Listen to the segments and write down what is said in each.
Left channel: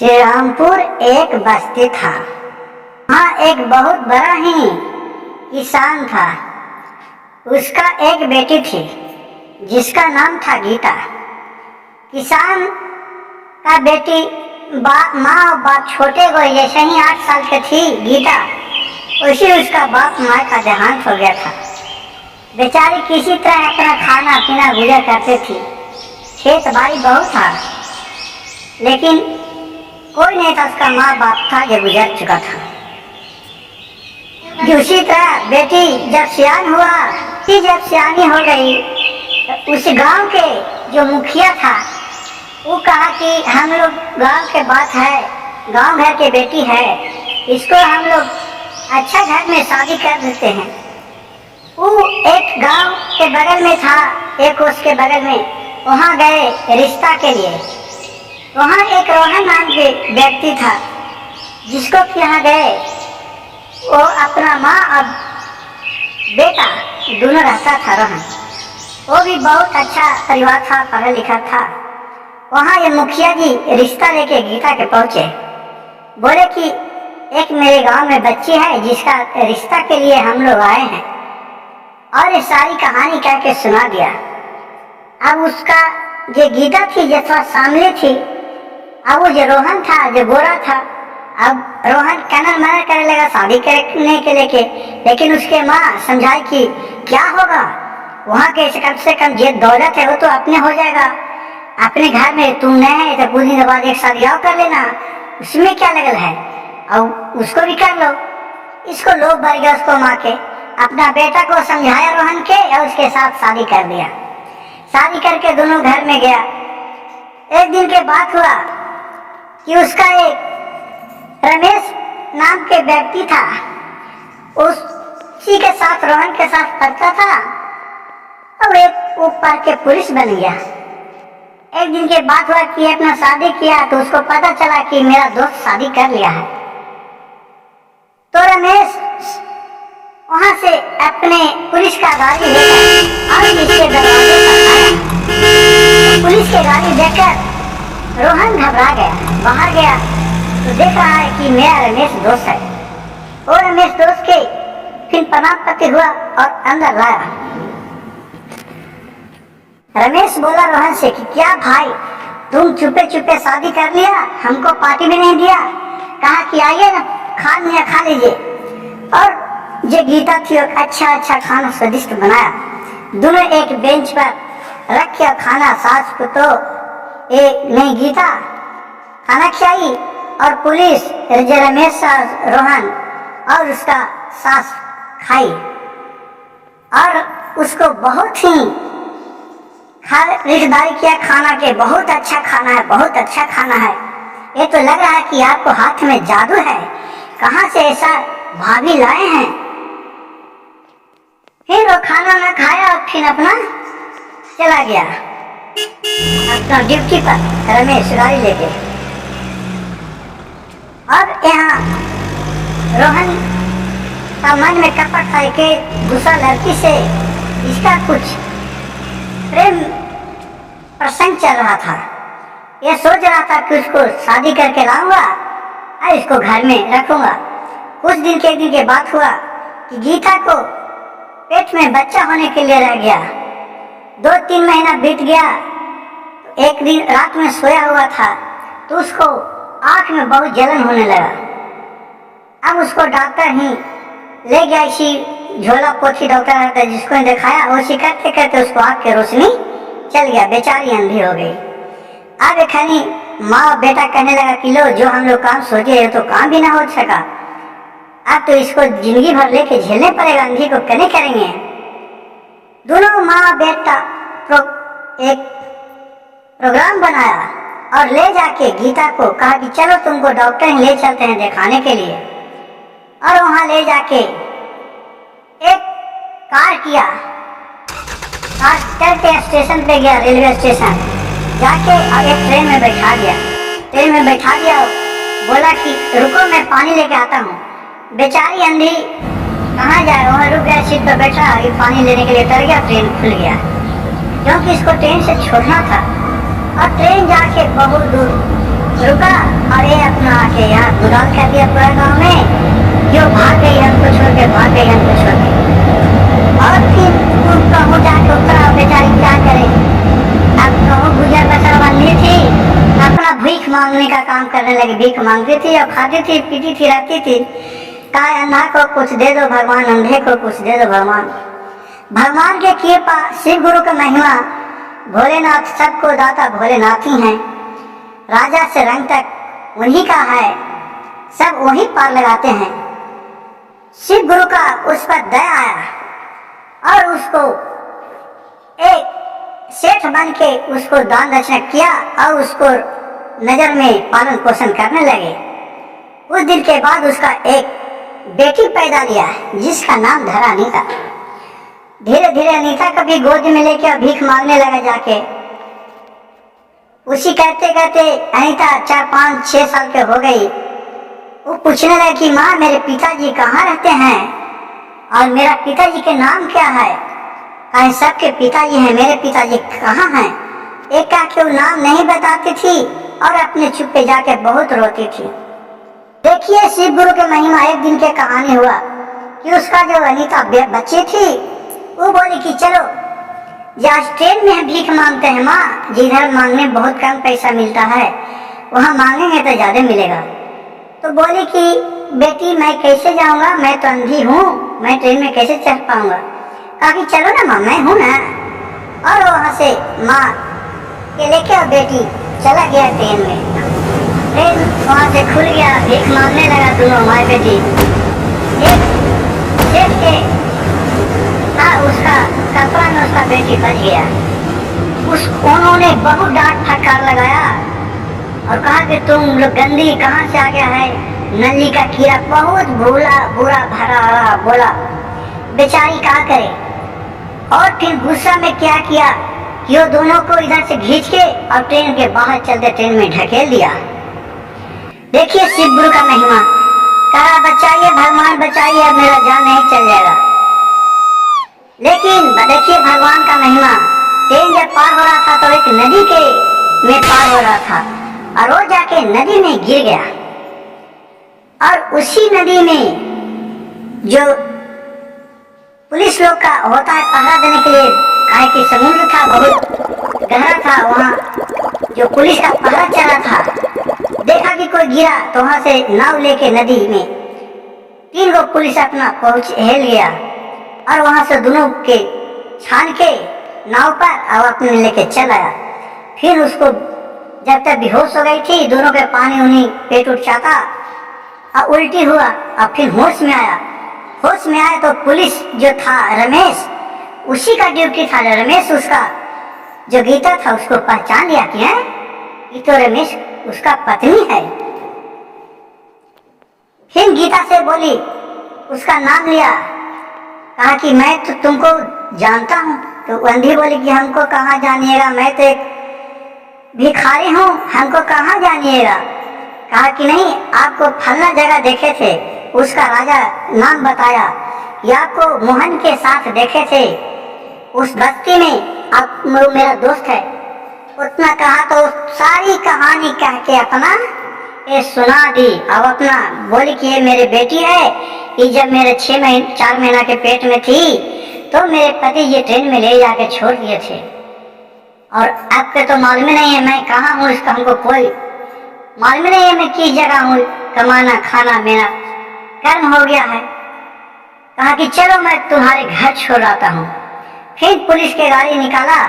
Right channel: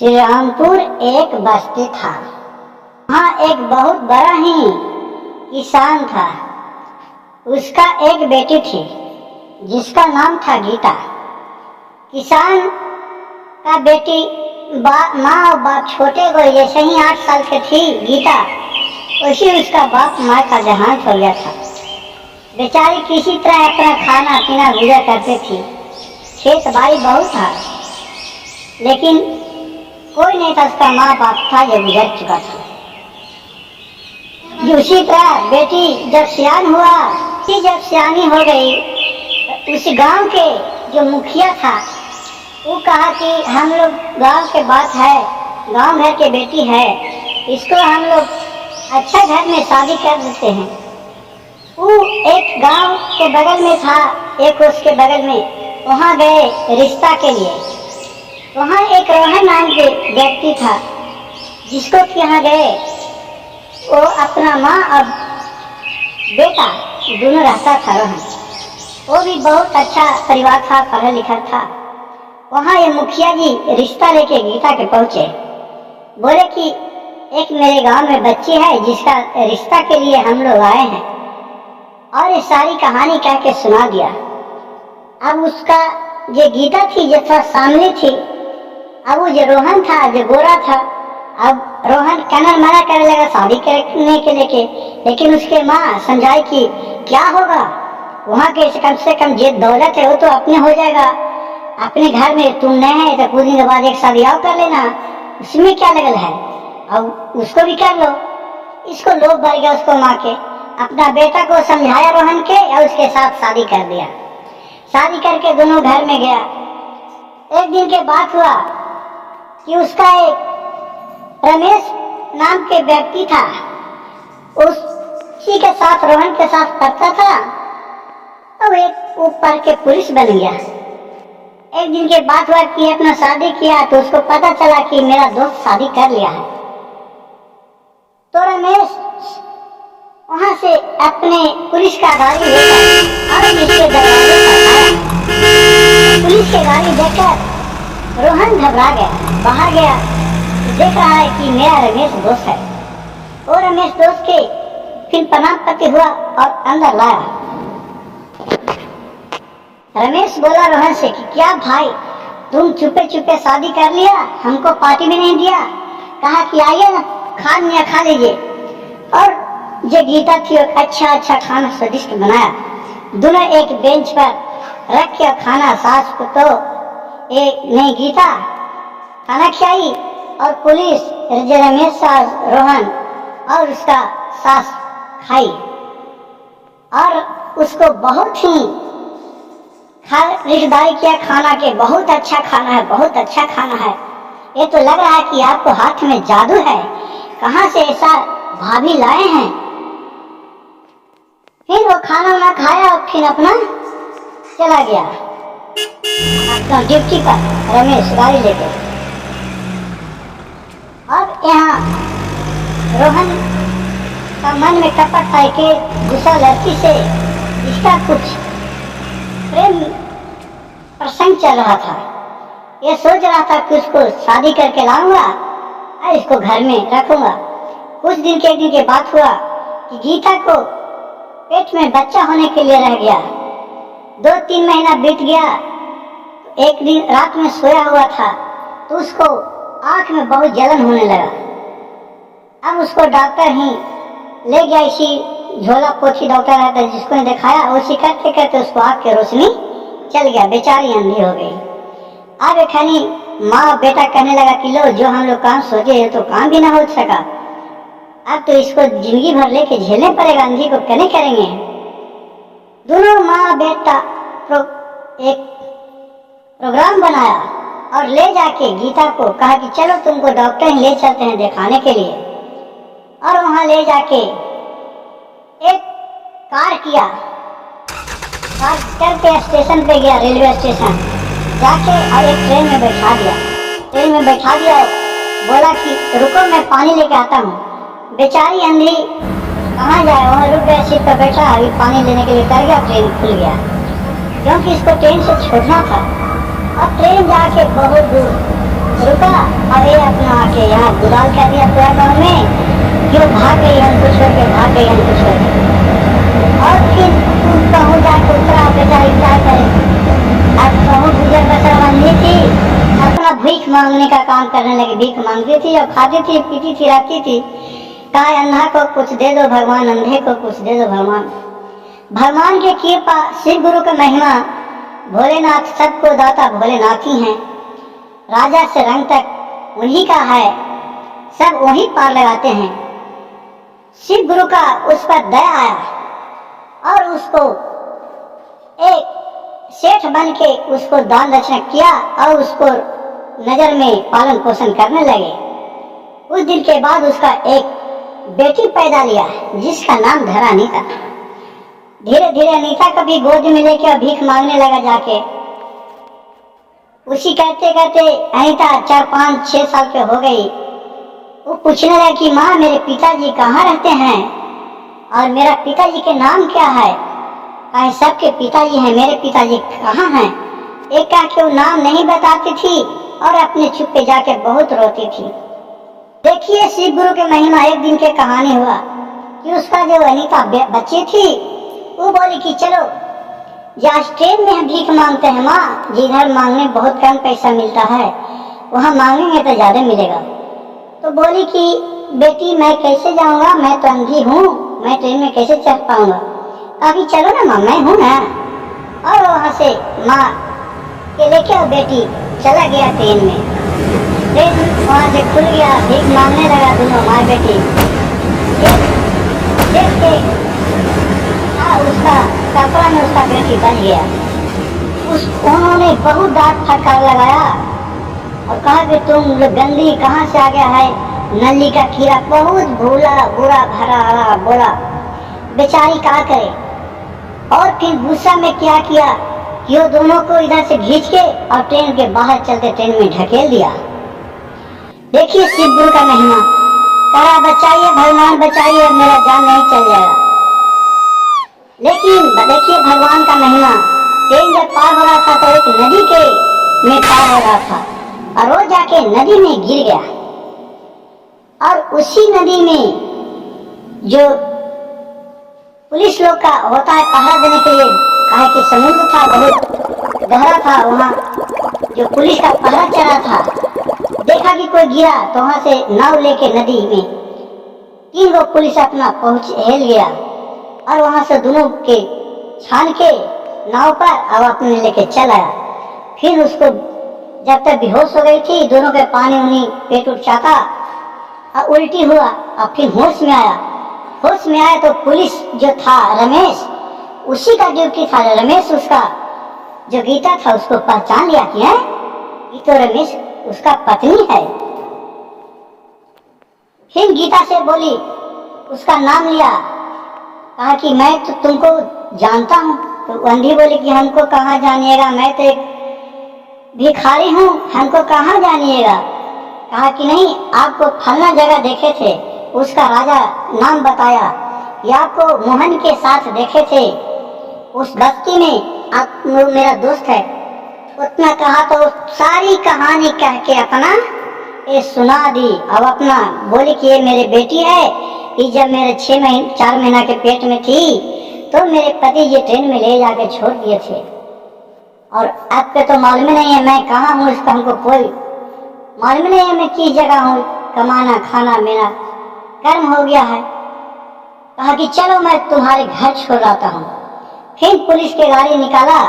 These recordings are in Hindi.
श्री रामपुर एक बस्ती था। वहाँ एक बहुत बड़ा ही किसान था। उसका एक बेटी थी जिसका नाम था गीता। किसान का बेटी माँ और बाप छोटे को जैसे ही 8 साल की थी गीता, उसी उसका बाप माँ का देहांत हो गया था। बेचारी किसी तरह अपना खाना पीना गुजर करती थी। खेत बाड़ी बहुत था लेकिन कोई नहीं था, उसका माँ बाप था जो गुजर चुका था। उसी तरह बेटी जब सियान हुआ, जब सियानी हो गई तो उस गांव के जो मुखिया था वो कहा कि हम लोग गांव के बात है, गांव घर के बेटी है, इसको हम लोग अच्छा घर में शादी कर देते हैं। वो एक गांव के बगल में था, एक उसके बगल में, वहाँ गए रिश्ता के लिए। वहाँ एक रोहन नाम के व्यक्ति था जिसको यहाँ गए। वो अपना माँ और बेटा दोनों रहता था। रोहन वो भी बहुत अच्छा परिवार था, पढ़ा लिखा था। वहाँ ये मुखिया जी रिश्ता लेके गीता के पहुँचे। बोले कि एक मेरे गांव में बच्ची है जिसका रिश्ता के लिए हम लोग आए हैं, और ये सारी कहानी कह के सुना दिया। अब उसका जो गीता थी जो थोड़ा सामने थी, अब वो जो रोहन था जो गोरा था, अब रोहन कनर मना करने लगा शादी करने के लेके। लेकिन उसके माँ समझाई कि क्या होगा, वहाँ के कम से कम ये दौलत है वो तो अपने हो जाएगा, अपने घर में तुम नए हैं तो कुछ दिन के बाद एक शादी और कर लेना, उसमें क्या लगल है, और उसको भी कर लो। इसको लोभ भर गया उसको माँ के। अपना बेटा को समझाया रोहन के और उसके साथ शादी कर दिया। शादी करके दोनों घर में गया। एक दिन के बाद हुआ कि उसका एक रमेश नाम के व्यक्ति था, उसी के साथ रोहन के साथ पढ़ता था और एक वो पढ़ के पुलिस बन गया। एक दिन के बाद हुआ कि अपना शादी किया तो उसको पता चला कि मेरा दोस्त शादी कर लिया है। तो रमेश वहां से अपने पुलिस का गाड़ी लेकर और इसके दरवाजे पर आया। पुलिस की गाड़ी देखकर रोहन घबरा गया, बाहर गया तो देख रहा है कि मेरा रमेश दोस्त है। वो रमेश दोस्त के फिर प्रणाम करते हुआ और अंदर लाया। रमेश बोला रोहन से कि क्या भाई तुम चुपे चुपे शादी कर लिया, हमको पार्टी भी नहीं दिया, कहा कि आइए ना खा लीजिए। और जो गीता थी अच्छा अच्छा खाना स्वादिष्ट बनाया। दोनों एक बेंच पर रख के खाना, सास को तो नहीं गीता खाना खिलाई और पुलिस रमेश रोहन और उसका सास खाई। और उसको बहुत ही रिश्तेदारी किया खाना के, बहुत अच्छा खाना है, बहुत अच्छा खाना है, ये तो लग रहा है कि आपको हाथ में जादू है, कहाँ से ऐसा भाभी लाए हैं। फिर वो खाना ना खाया और फिर अपना चला गया अपना ड्यूटी पर, रमेश गाड़ी लेके। अब यहाँ रोहन का मन में कपट था कि गुस्सा लड़की से इसका कुछ प्रेम प्रसंग चल रहा था। यह सोच रहा था कि उसको शादी करके लाऊंगा और इसको घर में रखूंगा। कुछ दिन के बाद हुआ कि गीता को पेट में बच्चा होने के लिए रह गया। 2-3 महीना बीत गया। एक दिन रात में सोया हुआ था तो उसको आंख में बहुत जलन होने लगा। अब उसको डॉक्टर ही ले गया, इसी झोला पोथी डॉक्टर रहता है जिसको दिखाया, उसी करते करते उसको आंख की रोशनी चल गया, बेचारी अंधी हो गई। अब एक माँ बेटा कहने लगा कि लो जो हम लोग काम सोचे तो काम भी ना हो सका, अब तो इसको जिंदगी भर लेके झेलने पड़ेगा, अंधी को कहने करेंगे। दोनों माँ बेटा एक प्रोग्राम बनाया और ले जाके गीता को कहा कि चलो तुमको डॉक्टर ही ले चलते हैं दिखाने के लिए। और वहां ले जाके एक कार किया, कार करके स्टेशन पे गया, रेलवे स्टेशन जाके और एक ट्रेन में बैठा दिया। ट्रेन में बैठा दिया, बोला कि रुको मैं पानी लेके आता हूँ। बेचारी अंधी कहाँ जाए, वहाँ रुक गया, सीट पर बैठा, अभी पानी लेने के लिए कर गया, ट्रेन खुल गया क्योंकि इसको ट्रेन से छोड़ना था। और ट्रेन जाके बहुत दूर रुका और ये अपना आके यहाँ गुलाल कर दिया पूरा गांव में, जो भाग गई हमको छोड़ के, भाग गई हमको छोड़ के। और फिर तुम कहूँ जाके उतरा बेचारी क्या करे, अब कहूँ गुजर बसर बननी थी, अपना भीख मांगने का काम करने लगी, भीख मांगती थी और खाती थी, पीती थी, रखती थी। कहा अंधा को कुछ दे दो भगवान, अंधे को कुछ दे दो भगवान। भगवान के कृपा, शिव गुरु का महिमा, भोलेनाथ सबको दाता भोलेनाथ ही हैं। राजा से रंग तक उन्हीं का है, सब वही पार लगाते हैं। शिव गुरु का उस पर दया आया और उसको एक सेठ बन के उसको दान दक्षिणा किया और उसको नजर में पालन पोषण करने लगे। उस दिन के बाद उसका एक बेटी पैदा लिया जिसका नाम धरा अनीता। धीरे धीरे अनीता को भी गोद में लेके भीख मांगने लगा जाके। उसी कहते कहते अनीता 4, 5, 6 साल के हो गई। वो पूछने लगी कि माँ मेरे पिताजी कहाँ रहते हैं और मेरा पिताजी के नाम क्या है। कहे सबके पिताजी हैं, मेरे पिताजी कहाँ हैं। एक कहा कि वो नाम नहीं बताती थी और अपने चुप पे जाके बहुत रोती थी। देखिए शिव गुरु के महिमा। एक दिन के कहानी हुआ कि उसका जो अनीता बच्ची थी वो बोली कि चलो आज ट्रेन में भीख मांगते हैं माँ, जिधर मांगने बहुत कम पैसा मिलता है वहाँ मांगेंगे तो ज्यादा मिलेगा। तो बोली कि बेटी मैं कैसे जाऊँगा, मैं तो अंधी हूँ, मैं ट्रेन में कैसे चढ़ पाऊंगा। कहा चलो ना माँ, मैं हूँ ना। और वहाँ से माँ के लेके बेटी चला गया ट्रेन में। ट्रेन वहाँ से खुल गया, भीख मांगने लगा दोनों माँ बेटी। देख के उसका कपड़ा में उसका बेटी बच गया। उन्होंने बहुत डांट फटकार लगाया और कहा कि तुम लोग गंदी कहाँ से आ गया है, नली का कीड़ा। बहुत भूला बुरा भरा बोला, बेचारी क्या करे। और फिर गुस्सा में क्या किया कि वो दोनों को इधर से खींच के और ट्रेन के बाहर चलते ट्रेन में ढकेल दिया। देखिए शिव गुरु का महिमा। कहा बचाइए भगवान बचाइए, अब मेरा जान नहीं चल जाएगा। लेकिन देखिए भगवान का महिमा। ट्रेन जब पार हो रहा था तो एक नदी के में पार हो रहा था और वो जाके नदी में गिर गया। और उसी नदी में जो पुलिस लोग का होता है पहरा देने के लिए, काहे कि समुद्र था बहुत गहरा था, वहाँ जो पुलिस का पहरा चला था, देखा कि कोई गिरा तो वहाँ से नाव लेके नदी में 3 गो पुलिस अपना हेल गया और वहाँ से दोनों के छान के नाव पर अब अपने लेके चल आया। फिर उसको जब तक बेहोश हो गई थी, दोनों के पानी उन्हीं पेट उठ जाता और उल्टी हुआ। अब फिर होश में आया। होश में आया तो पुलिस जो था रमेश, उसी का ड्यूटी था। रमेश उसका जो गीता था उसको पहचान लिया कि है ये तो रमेश उसका पत्नी है। फिर गीता से बोली, उसका नाम लिया, कहा कि मैं तो तुमको जानता हूँ। तो अंधी बोली कि हमको कहाँ जानिएगा, मैं तो एक भिखारी हूँ, हमको कहाँ जानिएगा। कहा कि नहीं, आपको फलना जगह देखे थे, उसका राजा नाम बताया कि आपको मोहन के साथ देखे थे उस बस्ती में, आप मेरा दोस्त है। उतना कहा तो सारी कहानी कह के अपना ये सुना दी। अब अपना बोली कि ये मेरी बेटी है, कि जब मेरे 4 महीना के पेट में थी तो मेरे पति ये ट्रेन में ले जाके छोड़ दिए थे और आपको तो मालूम नहीं है मैं कहाँ हूँ, इसका हमको कोई मालूम नहीं है मैं किस जगह हूँ। कमाना खाना मेरा कर्म हो गया है। कहा कि चलो मैं तुम्हारे घर छोड़ आता हूँ। फिर पुलिस के गाड़ी निकाला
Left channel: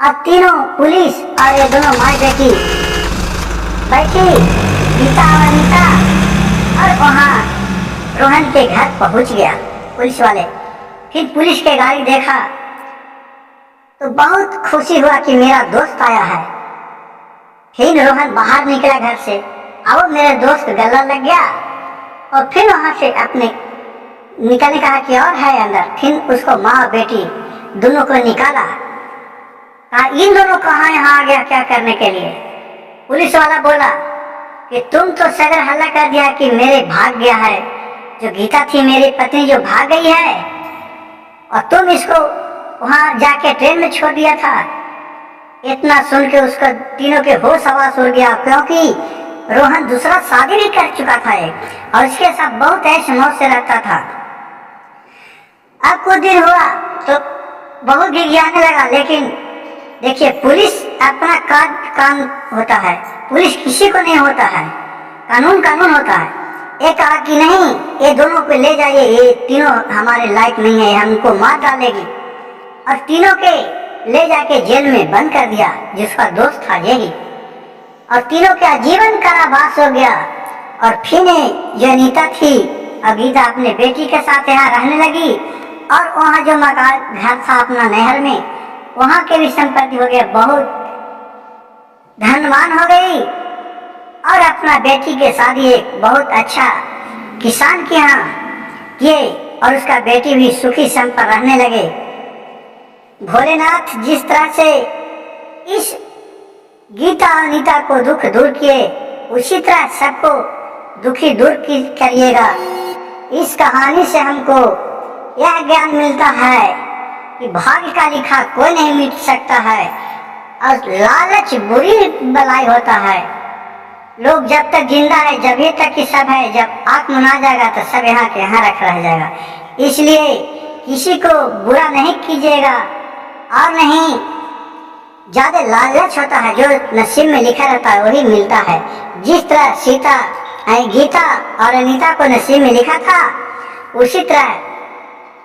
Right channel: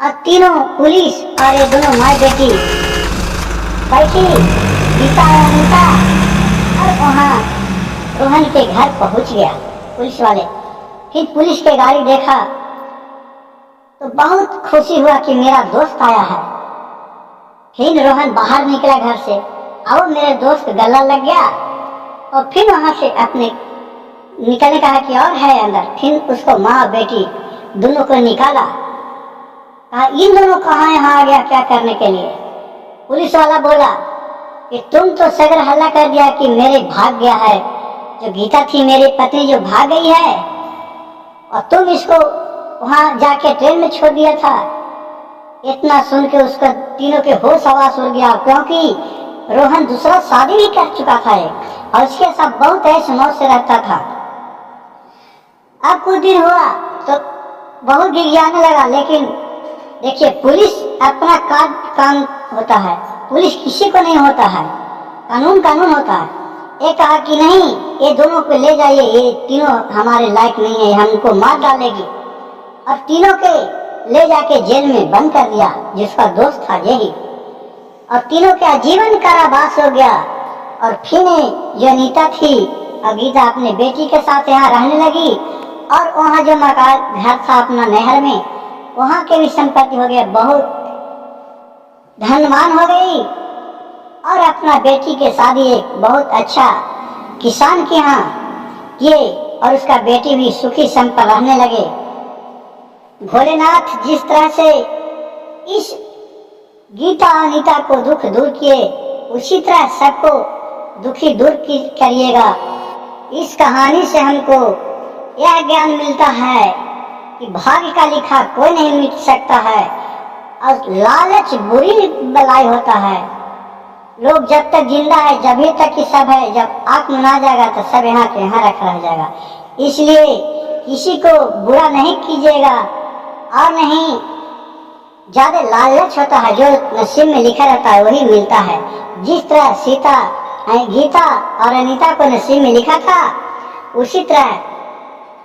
और तीनों पुलिस और ये दोनों माँ बेटी बैठी, गीता और अनीता, और वहाँ रोहन के घर पहुँच गया पुलिस वाले। फिर पुलिस के गाड़ी देखा तो बहुत खुशी हुआ कि मेरा दोस्त आया है। फिर रोहन बाहर निकला घर से, अब मेरे दोस्त गला लग गया और फिर वहां से अपने निकलने कहा कि और है अंदर। फिर उसको माँ बेटी दोनों को निकाला। कहा इन दोनों कहाँ यहाँ आ गया क्या करने के लिए। पुलिस वाला बोला कि तुम तो सगर हल्ला कर दिया कि मेरे भाग गया है, जो गीता थी मेरी पत्नी जो भाग गई है, और तुम इसको वहां जाके ट्रेन में छोड़ दिया था। इतना सुन के उसको तीनों के होश हवास उड़ गया, क्योंकि रोहन दूसरा शादी भी कर चुका था एक, और उसके साथ बहुत ऐश मौज से रहता था। अब कुछ दिन हुआ तो बहुत गिड़गिड़ाने लगा। लेकिन देखिए, पुलिस अपना काम होता है, पुलिस किसी को नहीं होता है, कानून कानून होता है। ये कहा कि नहीं, ये दोनों को ले जाइए, ये तीनों हमारे लायक नहीं है, हमको मार डालेगी। और तीनों के ले जाके जेल में बंद कर दिया, जिसका दोस्त था यही। और तीनों का जीवन कारावास हो गया। और फिर जो नीता थी, अब गीता अपने बेटी के साथ यहाँ रहने लगी। और वहाँ जो मकान घर था अपना नहर में, वहाँ के भी संपत्ति हो गया, बहुत धनवान हो गई। और अपना बेटी के शादी एक बहुत अच्छा किसान के यहाँ किए, और उसका बेटी भी सुखी संपन्न रहने लगे। भोलेनाथ जिस तरह से इस गीता और नीता को दुख दूर किए, उसी तरह सबको दुखी दूर करिएगा। इस कहानी से हमको यह ज्ञान मिलता है कि भाग्य का लिखा कोई नहीं मिट सकता है, और लालच बुरी बलाई होता है। लोग जब तक जिंदा है, जब ही तक कि सब है, जब आंख मुना जाएगा तो सब यहाँ के यहाँ रह जाएगा। इसलिए किसी को बुरा नहीं कीजिएगा, और नहीं ज्यादा लालच होता है, जो नसीब में लिखा रहता है वही मिलता है। जिस तरह गीता और अनीता को नसीब में लिखा था, उसी तरह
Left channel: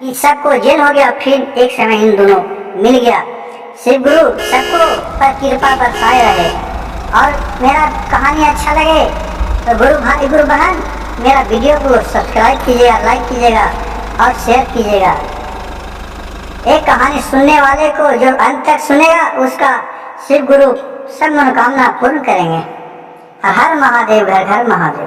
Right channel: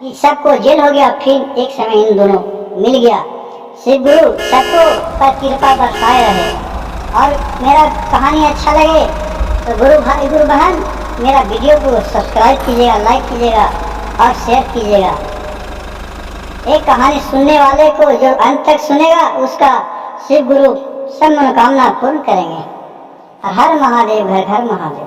कि सबको जेल हो गया, फिर एक समय इन दोनों मिल गया। शिव गुरु सबको पर कृपा बरसाए रहे। और मेरा कहानी अच्छा लगे तो गुरु भाई गुरु बहन मेरा वीडियो को सब्सक्राइब कीजिएगा, लाइक कीजिएगा और शेयर कीजिएगा। एक कहानी सुनने वाले को जो अंत तक सुनेगा, उसका शिव गुरु सब मनोकामना पूर्ण करेंगे। हर महादेव, घर घर महादेव।